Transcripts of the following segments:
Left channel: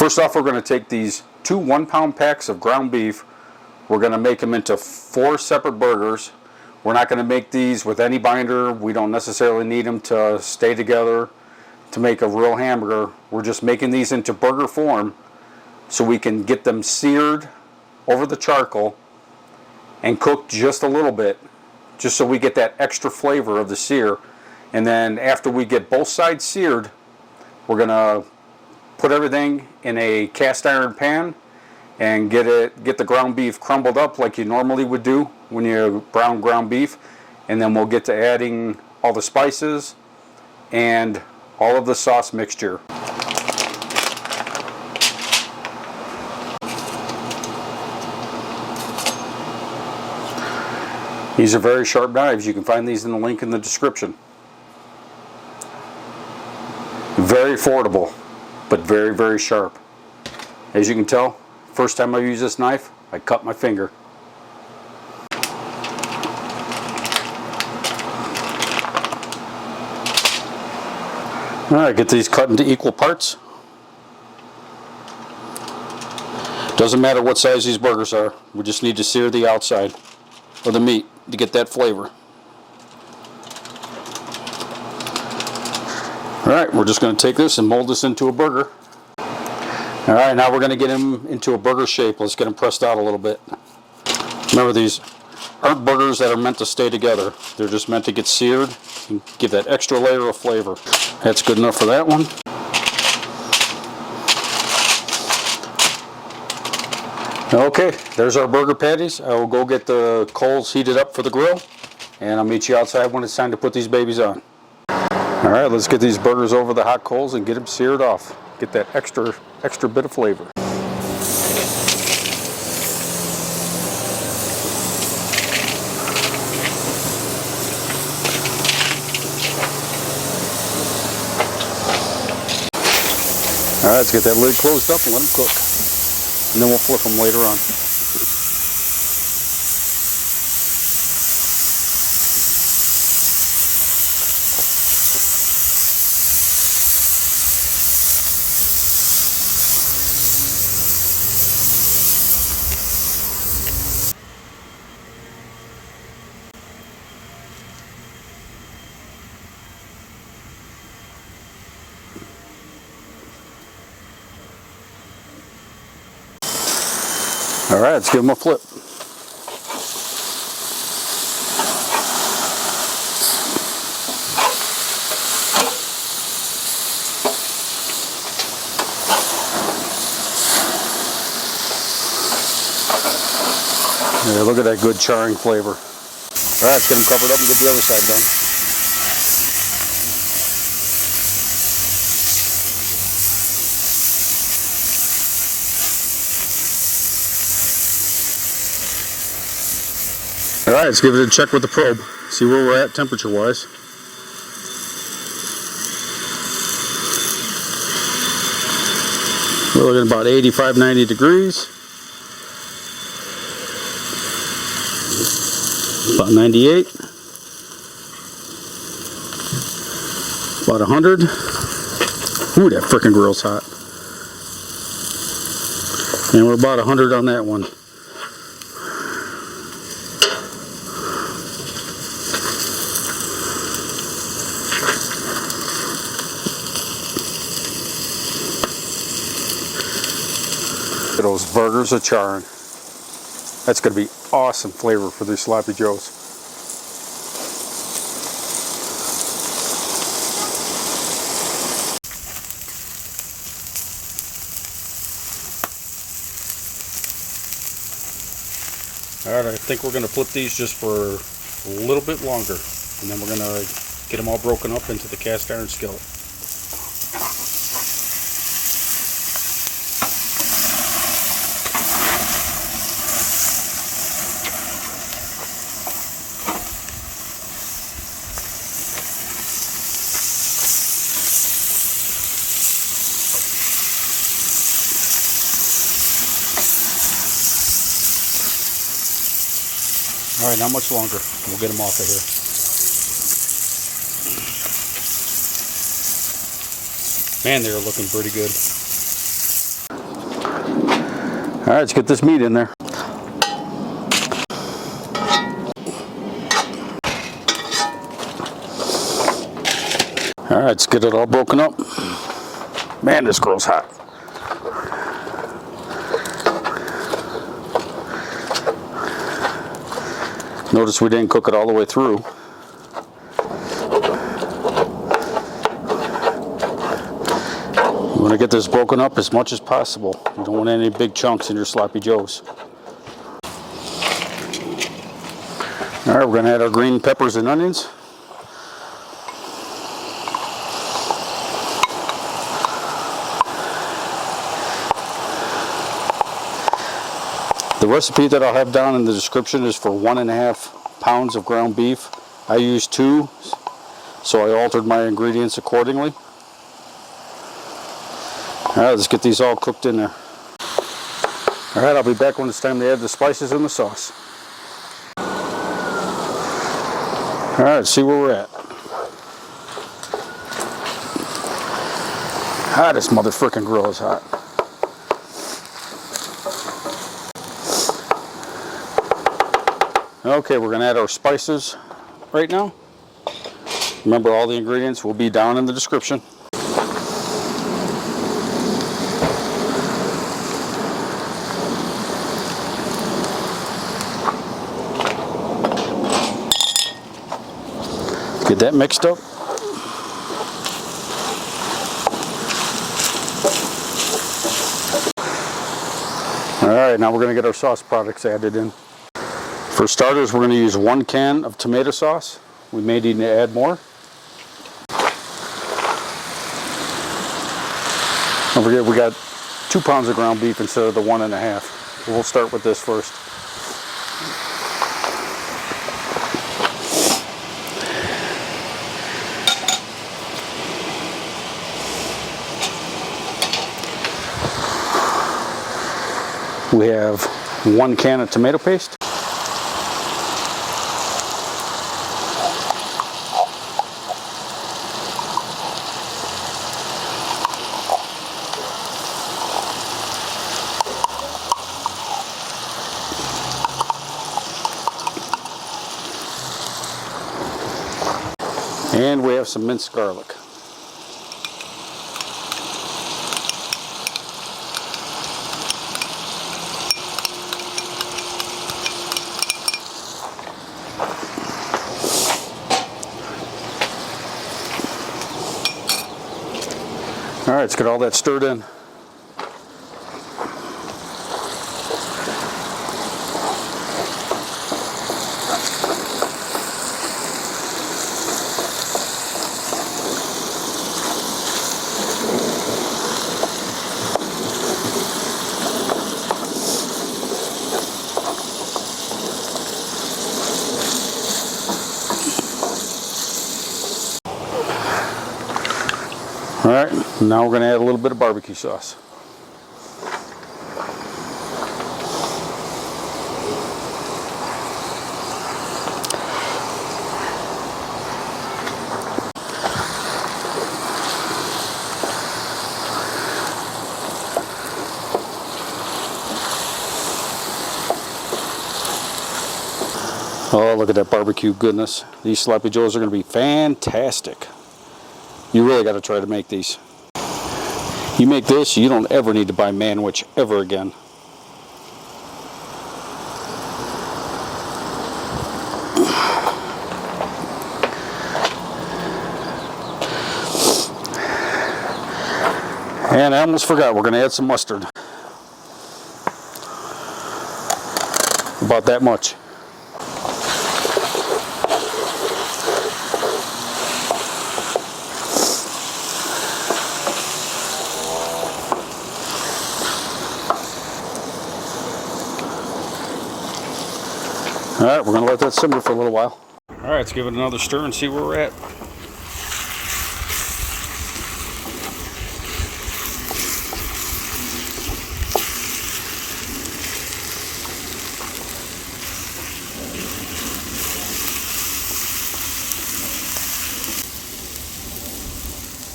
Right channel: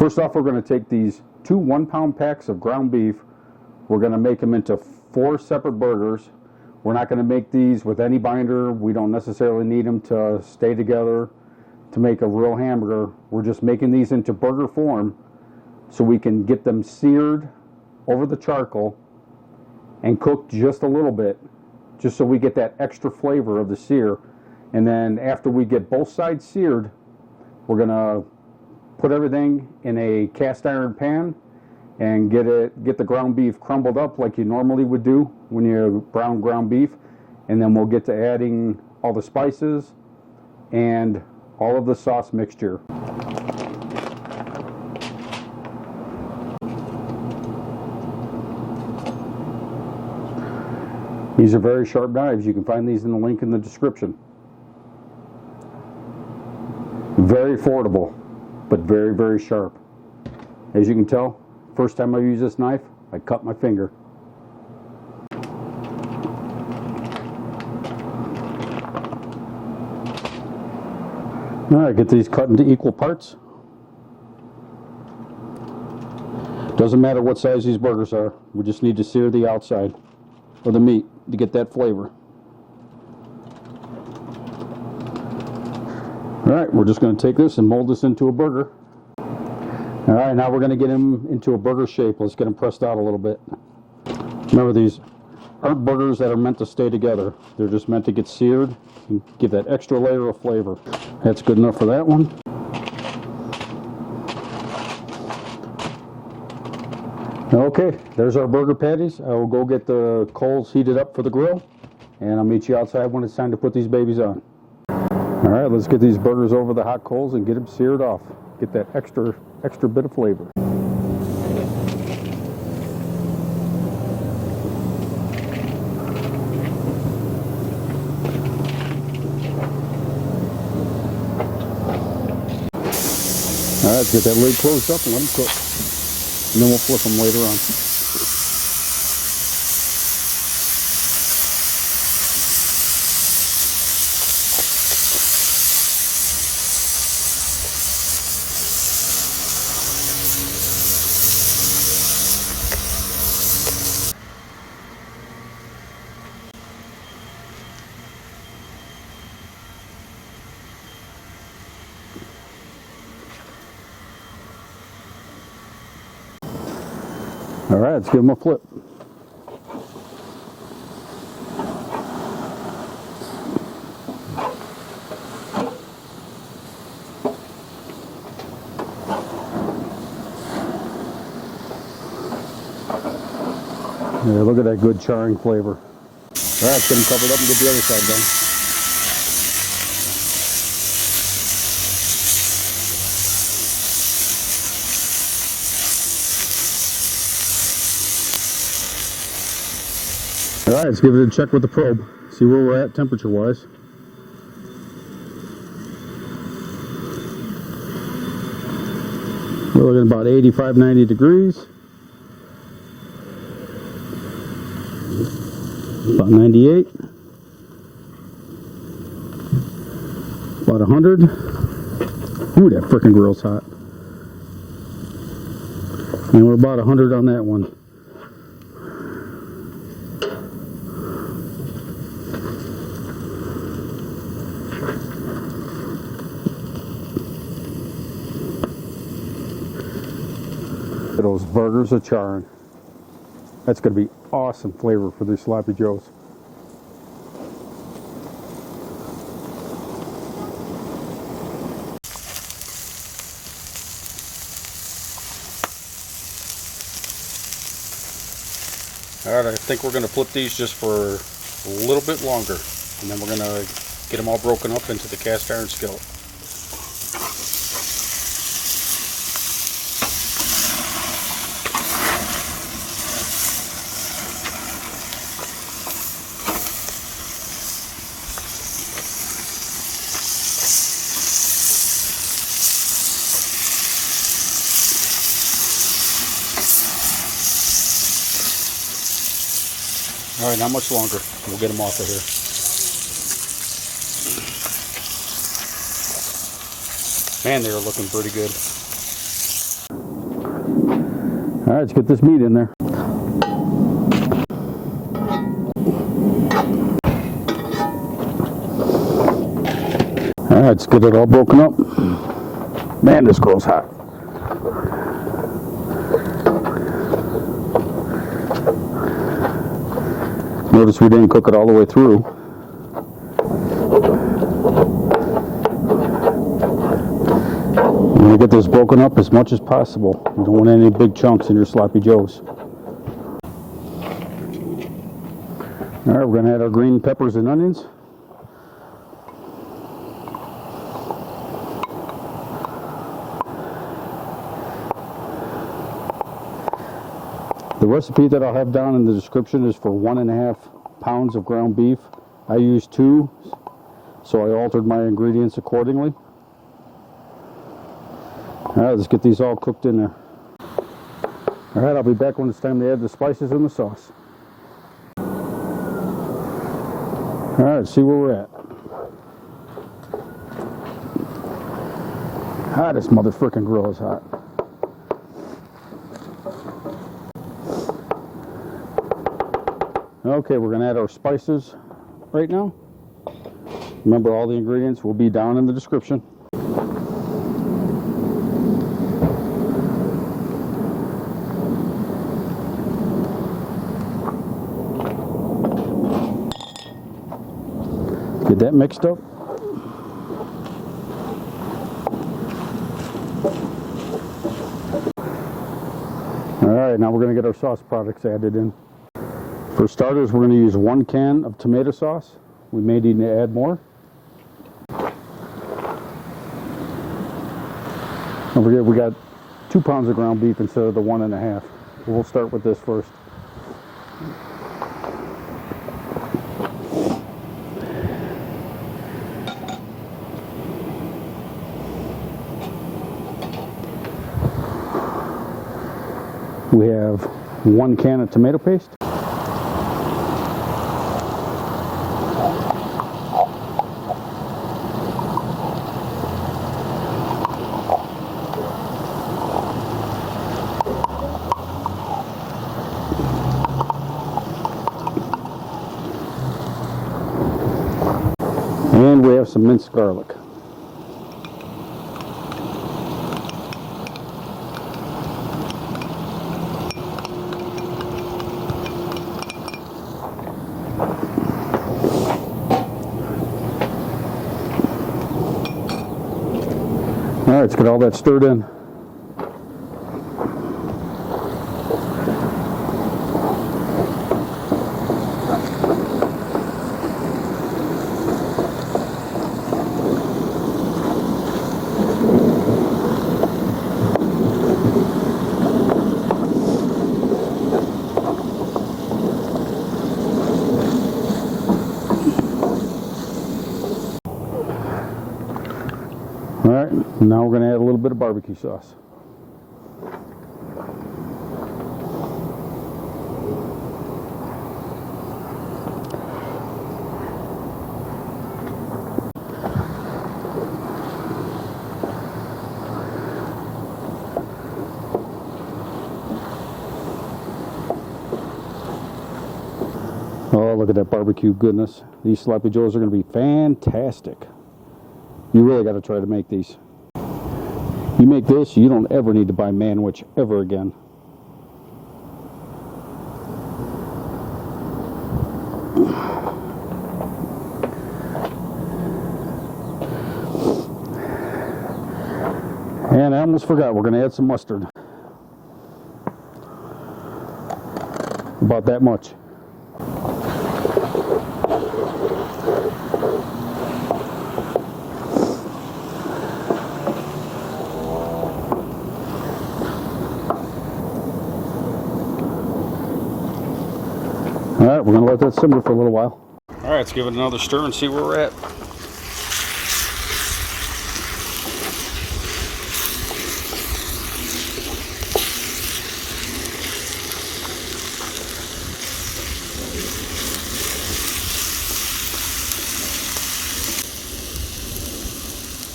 First off, we're going to take these 2 1-pound packs of ground beef. We're going to make them into 4 separate burgers. We're not going to make these with any binder. We don't necessarily need them to stay together to make a real hamburger. We're just making these into burger form so we can get them seared over the charcoal and cooked just a little bit, just so we get that extra flavor of the sear. And then after we get both sides seared, we're going to put everything in a cast iron pan and get the ground beef crumbled up like you normally would do when you brown ground beef. And then we'll get to adding all the spices and all of the sauce mixture. These are very sharp knives. You can find these in the link in the description. Very affordable, but very, very sharp. As you can tell, first time I use this knife, I cut my finger. All right, get these cut into equal parts. Doesn't matter what size these burgers are. We just need to sear the outside of the meat to get that flavor. All right, we're just going to take this and mold this into a burger. All right, now we're going to get them into a burger shape. Let's get them pressed out a little bit. Remember, these aren't burgers that are meant to stay together. They're just meant to get seared and give that extra layer of flavor. That's good enough for that one. Okay, there's our burger patties. I will go get the coals heated up for the grill, and I'll meet you outside when it's time to put these babies on. All right, let's get these burgers over the hot coals and get them seared off. Get that extra bit of flavor. All right, let's get that lid closed up and let them cook. And then we'll flip them later on. All right, let's give them a flip. Yeah, look at that good charring flavor. All right, let's get them covered up and get the other side done. All right, let's give it a check with the probe. See where we're at temperature-wise. We're looking at about 85, 90 degrees. About 98. About 100. Ooh, that frickin' grill's hot. And we're about 100 on that one. Those burgers are charring. That's going to be awesome flavor for these sloppy joes. All right, I think we're going to flip these just for a little bit longer, and then we're going to get them all broken up into the cast iron skillet. All right, not much longer. We'll get them off of here. Man, they are looking pretty good. All right, let's get this meat in there. All right, let's get it all broken up. Man, this grill's hot. Notice we didn't cook it all the way through. You want to get this broken up as much as possible. You don't want any big chunks in your sloppy joes. All right, we're going to add our green peppers and onions. The recipe that I'll have down in the description is for 1.5 pounds of ground beef. I used 2, so I altered my ingredients accordingly. All right, let's get these all cooked in there. All right, I'll be back when it's time to add the spices and the sauce. All right, let's see where we're at. Ah, this motherfucking grill is hot. Okay, we're going to add our spices right now. Remember, all the ingredients will be down in the description. Get that mixed up. All right, now we're going to get our sauce products added in. For starters, we're going to use 1 can of tomato sauce. We may need to add more. Don't forget, we got 2 pounds of ground beef instead of the 1.5. We'll start with this first. We have 1 can of tomato paste. And we have some minced garlic. All right, let's get all that stirred in. All right, now we're going to add a little bit of barbecue sauce. Oh, look at that barbecue goodness. These sloppy joes are going to be fantastic. You really got to try to make these. You make this, you don't ever need to buy Manwich ever again. And I almost forgot, we're going to add some mustard. About that much. All right, we're going to let that simmer for a little while. All right, let's give it another stir and see where we're at.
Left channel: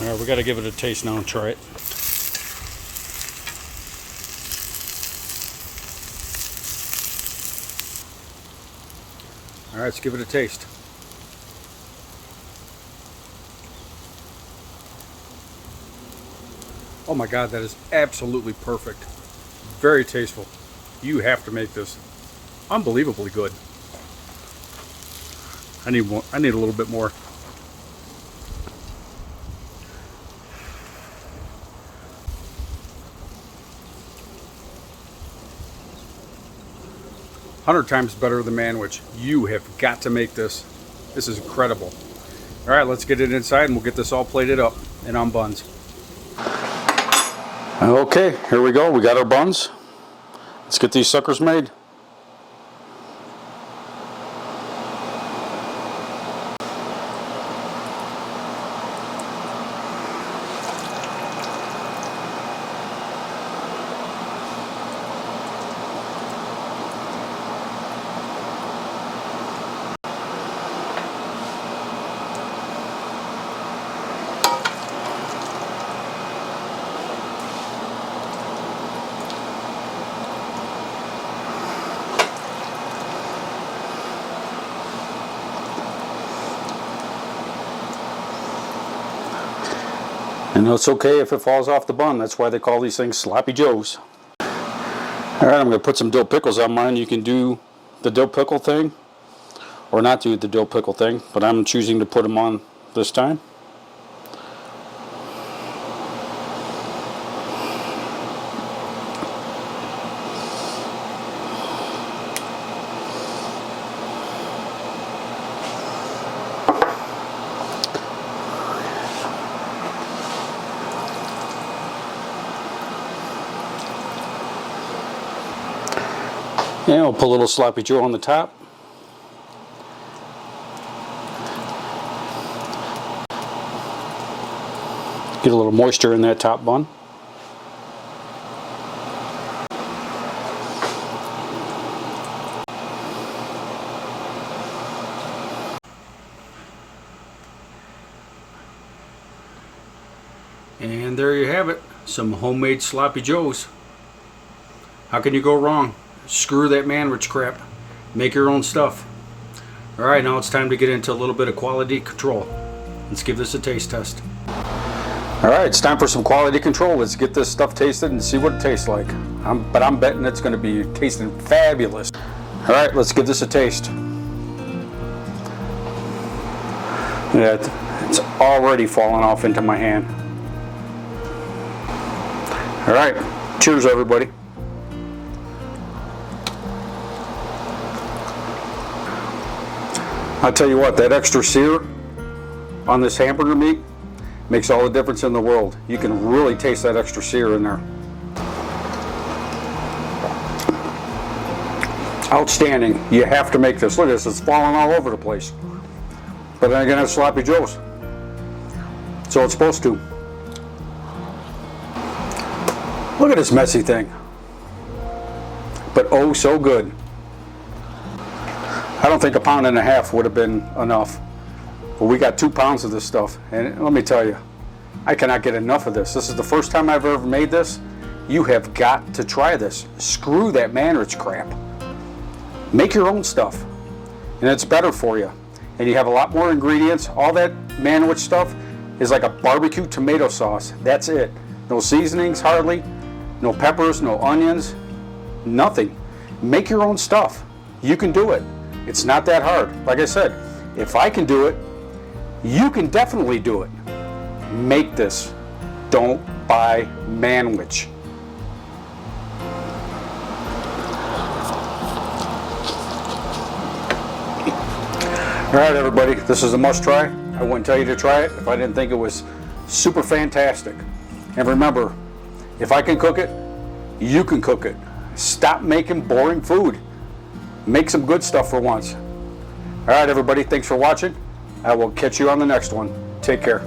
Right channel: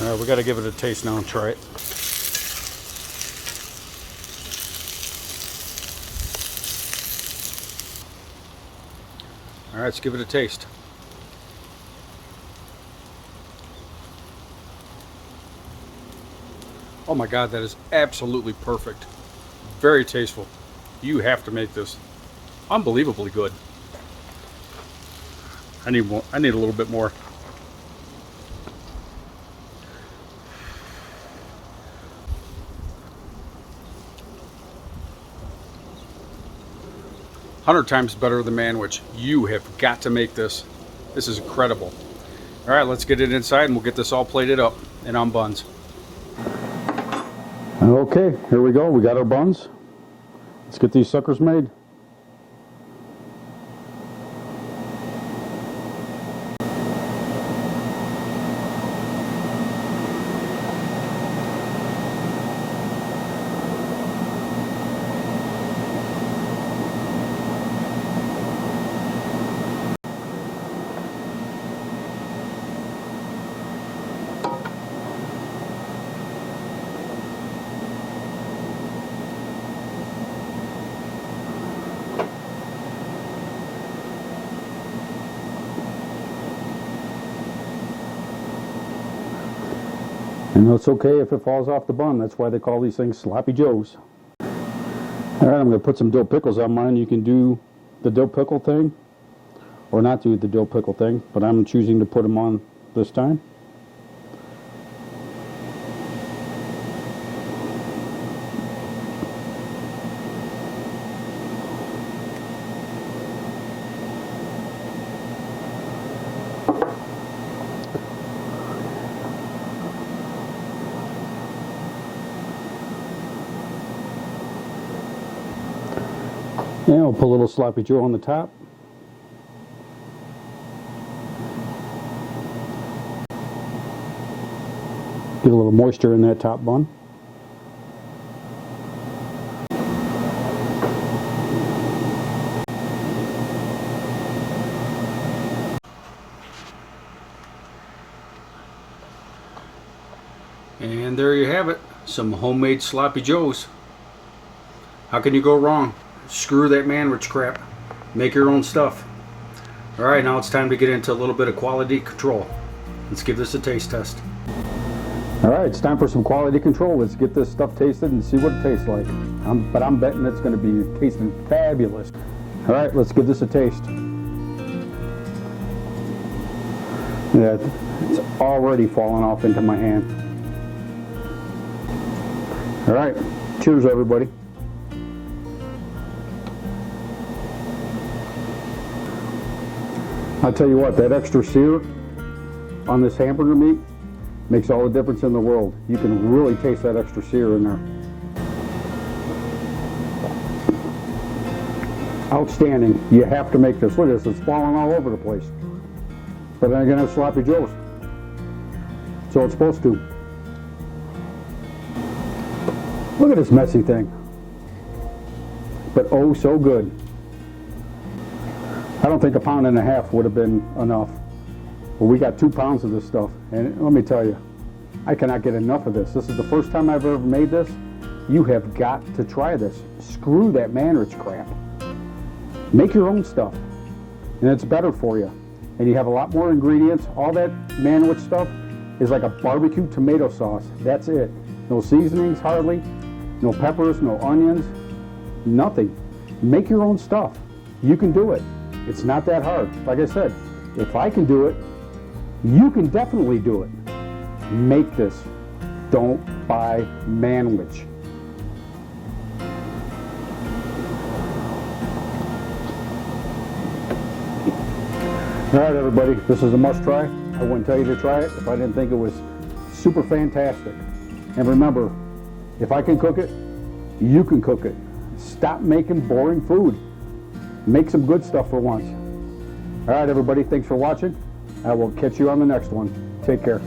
All right, we got to give it a taste now and try it. All right, let's give it a taste. Oh my God, that is absolutely perfect. Very tasteful. You have to make this. Unbelievably good. I need more. I need a little bit more. "100 times better than Manwich." You have got to make this. This is incredible. All right, let's get it inside and we'll get this all plated up and on buns. Okay, here we go. We got our buns. Let's get these suckers made. And it's okay if it falls off the bun. That's why they call these things Sloppy Joes. All right, I'm going to put some dill pickles on mine. You can do the dill pickle thing or not do the dill pickle thing, but I'm choosing to put them on this time. And we'll put a little Sloppy Joe on the top. Get a little moisture in that top bun. And there you have it, some homemade Sloppy Joes. How can you go wrong? Screw that Manwich crap. Make your own stuff. Alright, now it's time to get into a little bit of quality control. Let's give this a taste test. Alright, it's time for some quality control. Let's get this stuff tasted and see what it tastes like. But I'm betting it's going to be tasting fabulous. Alright, let's give this a taste. Yeah, it's already falling off into my hand. Alright, cheers everybody. I'll tell you what, that extra sear on this hamburger meat makes all the difference in the world. You can really taste that extra sear in there. Outstanding. You have to make this. Look at this, it's falling all over the place. But then again, it's Sloppy Joes. So it's supposed to. Look at this messy thing. But oh, so good. I don't think a pound and a half would have been enough. But we got 2 pounds of this stuff. And let me tell you, I cannot get enough of this. This is the first time I've ever made this. You have got to try this. Screw that Manwich crap. Make your own stuff. And it's better for you. And you have a lot more ingredients. All that Manwich stuff is like a barbecue tomato sauce. That's it. No seasonings hardly. No peppers, no onions. Nothing. Make your own stuff. You can do it. It's not that hard. Like I said, if I can do it, you can definitely do it. Make this. Don't buy Manwich. All right, everybody, this is a must try. I wouldn't tell you to try it if I didn't think it was super fantastic. And remember, if I can cook it, you can cook it. Stop making boring food. Make some good stuff for once. All right, everybody, thanks for watching. I will catch you on the next one. Take care.